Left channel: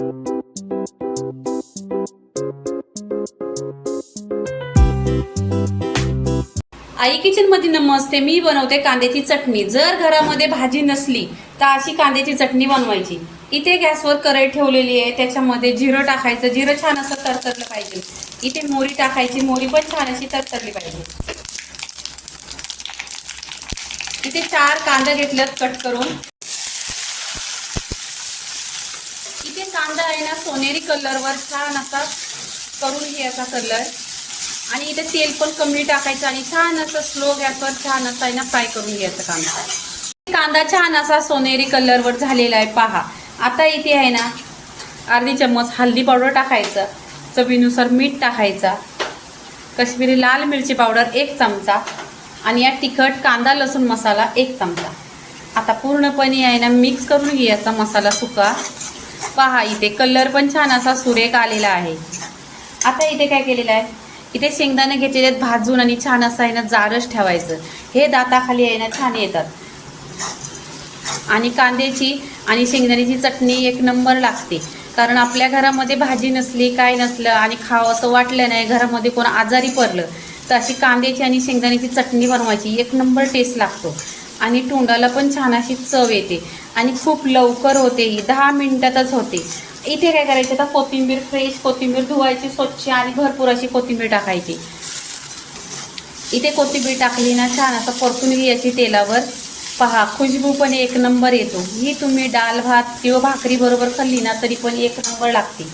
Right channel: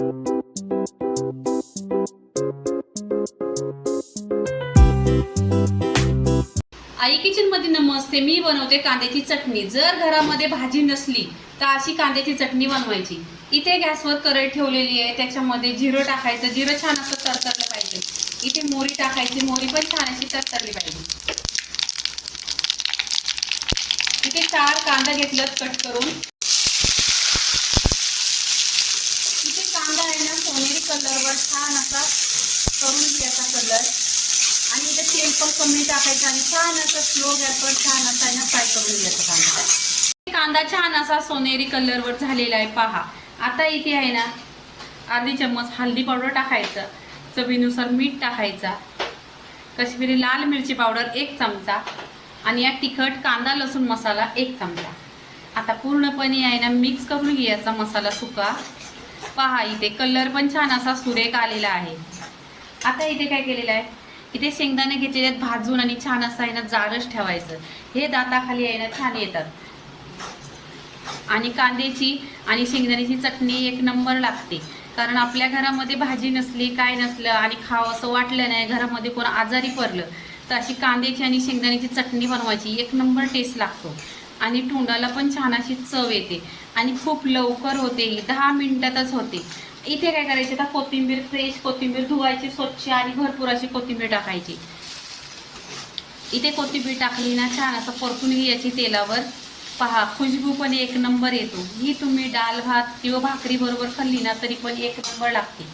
आई kitchen मध्ये नमस्ते। मी बनवते कांद्याची चटणी। जर घरामध्ये भाजी नसली तर अशी कांद्याची चटणी बनवायची। इथे गॅसवर कढई ठेवलेली आहे, त्याच्यामध्ये जिरं टाकायचं। जिरं छान असं तडतडलं पाहिजे। इथे मोहरी टाकायची, मोहरी पण छान अशी तडतडली पाहिजे। इथे 4 कांदा घेतल्यात कट करून। इथे कांदा आहे ना सोनेरी कलरवर छान असा करून घ्यायचा कलर, आणि इथे तेल पण कमी टाकायचं आणि छान असं स्लो गॅसवर छान असं आहे ना फ्राय करून घ्यायचा कांदा। कांदा छान असा सोनेरी कलरवर झालेला आहे पहा। आता इथे आहे ना अर्धी चम्मच हळदी पावडर टाकायचं, चवीनुसार मीठ टाकायचा, काश्मीरी लाल मिरची पावडर 1 चमचा, आणि या तिखट कांदा लसूण मसाला 1 चमचा। आता पूर्णपणे आहे ना मिक्स करून घ्यायचा मसाला सुका। पहा इथे कलर पण छान असा सुरेख आलेला आहे। आता इथे काय केलेलं आहे, इथे शेंगदाणे घेतलेले आहेत भाजून, आणि छान असं आहे ना जाडच ठेवायचं। हे दाताखाली आहे ना छान येतात, आणि कांद्याची आणि शेंगदाण्याची चटणी 1 नंबर लागते। कारण आपल्या घरामध्ये भाजी नसली काय नसलं आणि खावं असं वाटलं नाही, घरामध्ये कोण आजारी पडलं तर अशी कांद्याची आणि शेंगदाण्याची चटणी बनवायची, 1 नंबर टेस्ट लागतो, आणि तोंडाला पण छान अशी चव येते, आणि खूप लवकर होते, ही 10 मिनिटातच होते। इथे काय करायचं, आता कोथिंबीर, फ्रेश कोथिंबीर धुवायची स्वच्छ आणि भरपूर अशी कोथिंबीर टाकायची। इथे कोथिंबीर टाकली ना छान असं परतून घ्यायची तेलावर। पहा खुशबू पण 1 नंबर येतो। ही तुम्ही डाळ भात किंवा भाकरी बरोबर खाल्ली ना तरी पण 1 नंबर लागते।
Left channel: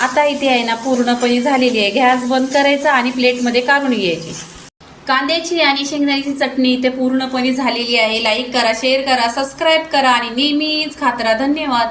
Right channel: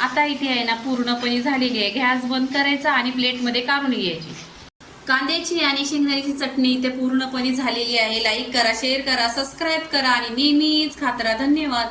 आता इथे आहे ना पूर्णपणे झालेली आहे, गॅस बंद करायचा आणि प्लेटमध्ये काढून घ्यायची। कांद्याची आणि शेंगदाण्याची चटणी इथे पूर्णपणे झालेली आहे। लाईक करा, शेअर करा, सबस्क्राईब करा आणि नेहमीच खात राहा। धन्यवाद।